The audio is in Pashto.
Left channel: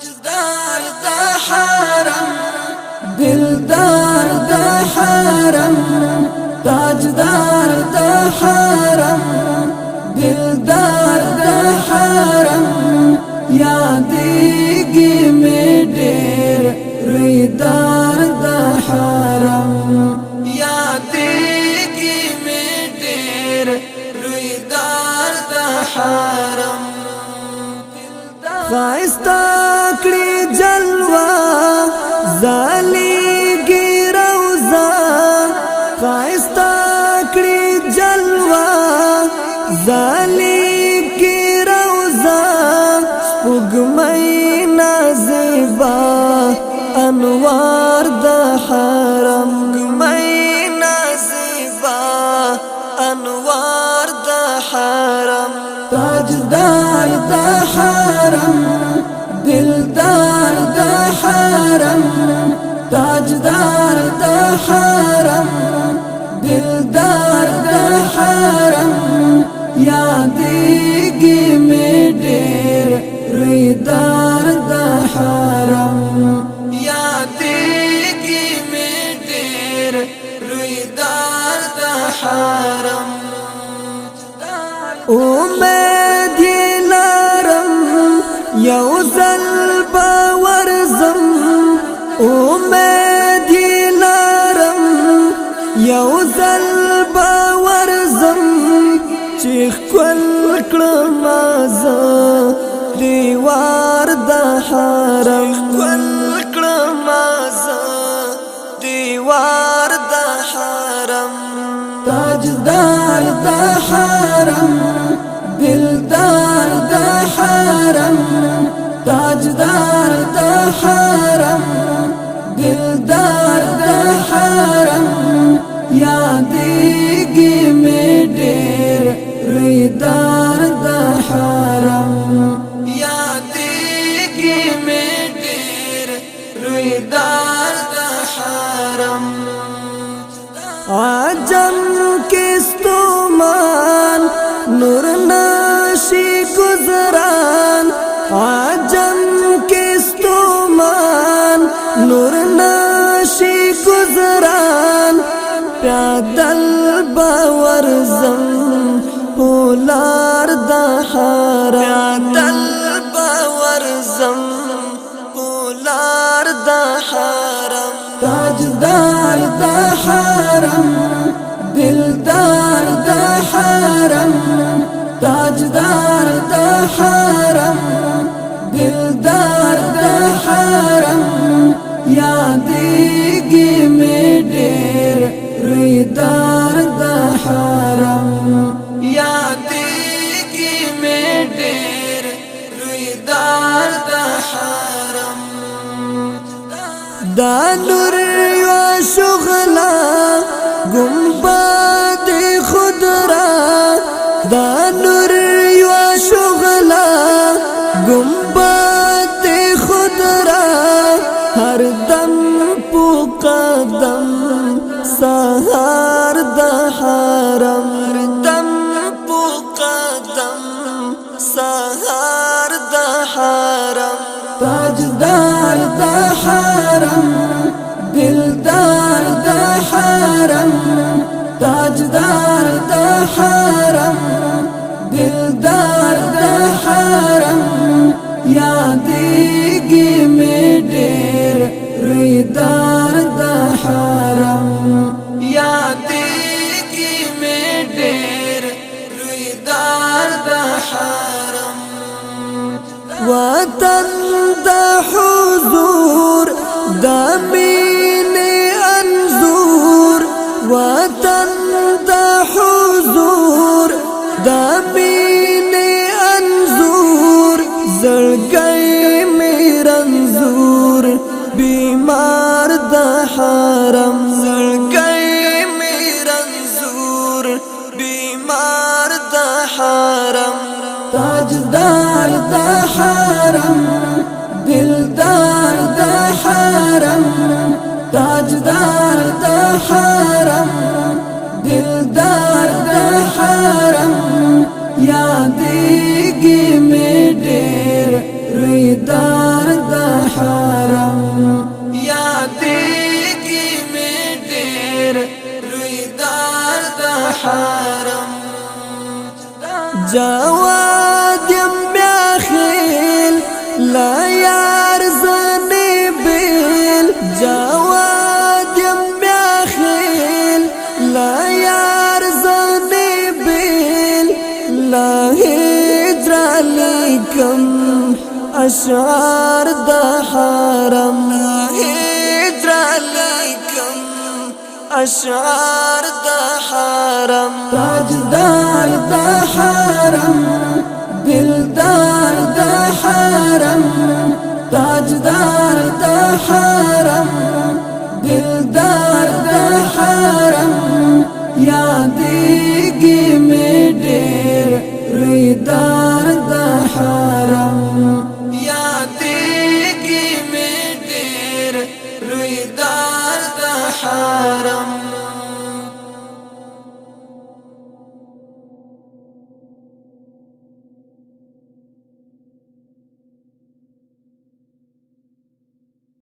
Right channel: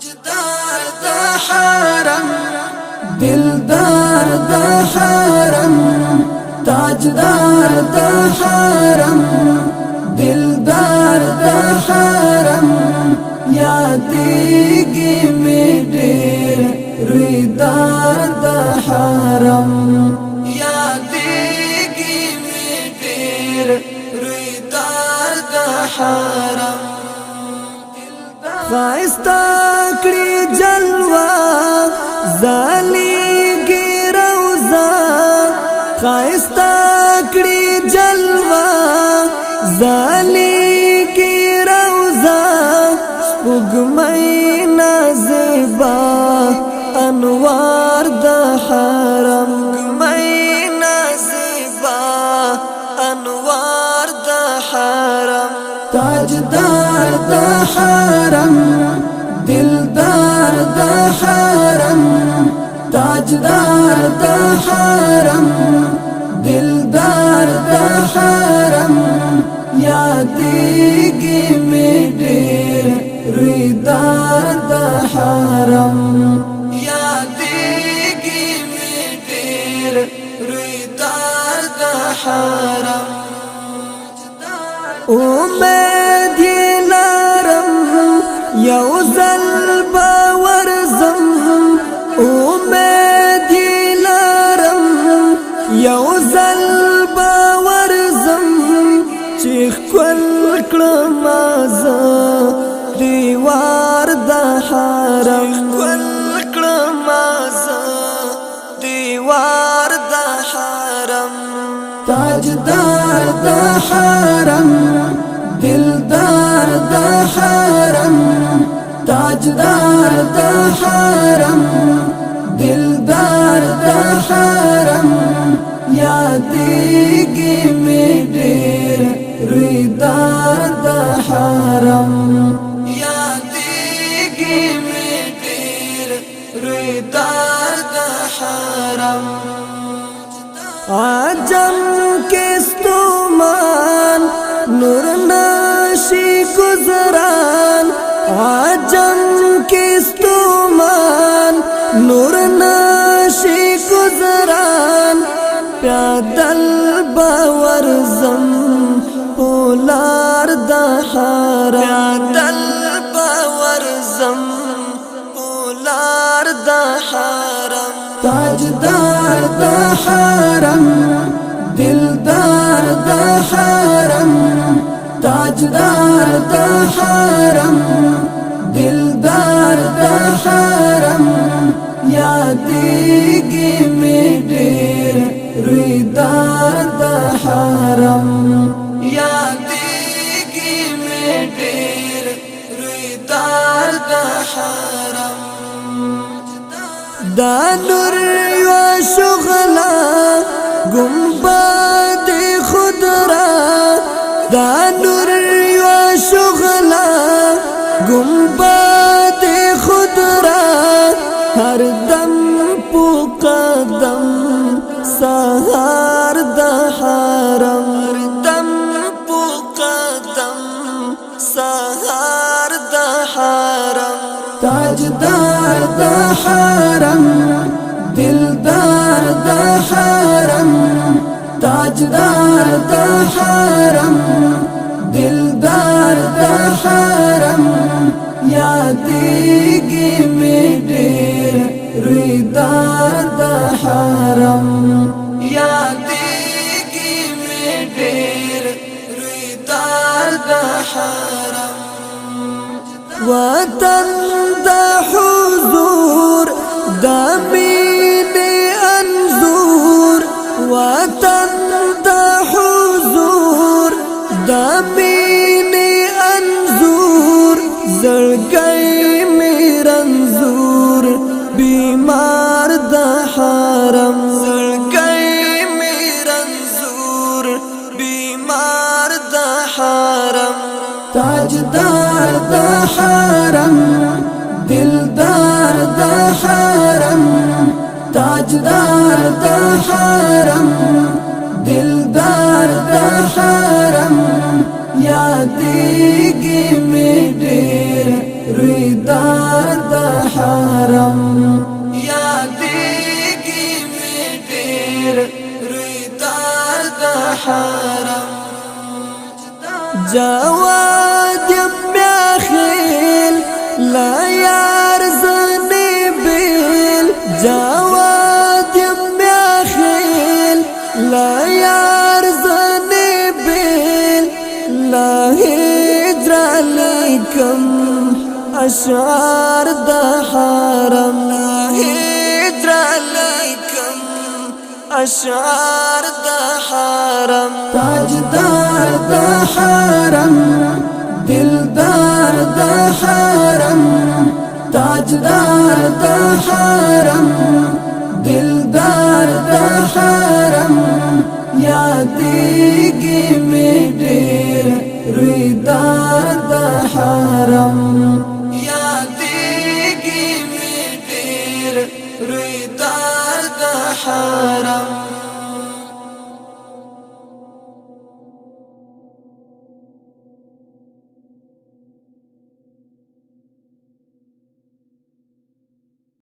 تاجدار دا حرم دلدار دا حرم تاجدار دا حرم دلدار دا حرم یادیږي می ډېر رویدار دا حرم یادیږي می ډېر رویدار دا حرم خایستا کړي جلوه زالیږي روزه خایستا کړي جلوه زالیږي روزه سپوږمۍ نازیبا انوار د حرم سپوږمۍ نازیبا انوار د حرم تاجدار دا حرم دلدار دا حرم تاجدار دا حرم دلدار دا حرم یادیږي می ډېر رویدار دا حرم یادیږي می ډېر رویدار دا حرم امید لرم یو ځل باورزم امید لرم یو ځل باورزم چې خپل کړم زه دیوار د حرم خپل کړم زه دیوار د حرم تاجدار دا حرم دلدار دا حرم تاجدار دا حرم دلدار دا حرم یادیږي می ډېر رویدار دا حرم یادیږي می ډېر رویدار دا حرم عجم کستومان نور نشی گزران عجم کستومان نور نشی گزران پیادل باورزم پولار دا حرم پیادل باورزم پولار دا حرم تاجدار دا حرم دلدار دا حرم تاجدار دا حرم دلدار دا حرم یادیږي می ډېر رویدار دا حرم یادیږي می ډېر رویدار دا حرم دا نور یو شغلا گنبد خودرا دا نور یو شغلا گنبد خودرا هر دم پو قدم سهار دا حرم هر دم پو قدم سهار دا حرم تاجدار دا حرم دلدار دا حرم تاجدار دا حرم دلدار دا حرم یادیږي می ډېر رویدار دا حرم یادیږي می ډېر رویدار دا حرم وطن دا حضور دا مین انظور وطن دا حضور دا مین انظور زړګی می رنځور بیمار دا حرم زړګی می رنځور بیمار دا حرم تاجدار دا حرم دلدار دا حرم تاجدار دا حرم دلدار دا حرم یادیږي می ډېر رویدار دا جواد یم میاخیل لا یار زنی بیل جواد یم میاخیل لا یار زنی بیل لا هجر علیکم اشعار دا حرم لا هجر علیکم اشعار دا حرم تاجدار دا حرم دلدار دا حرم تاجدار دا حرم دلدار دا حرم یادیگی می ډیر رویدار دا حرم یادیگی می ډیر رویدار دا حرم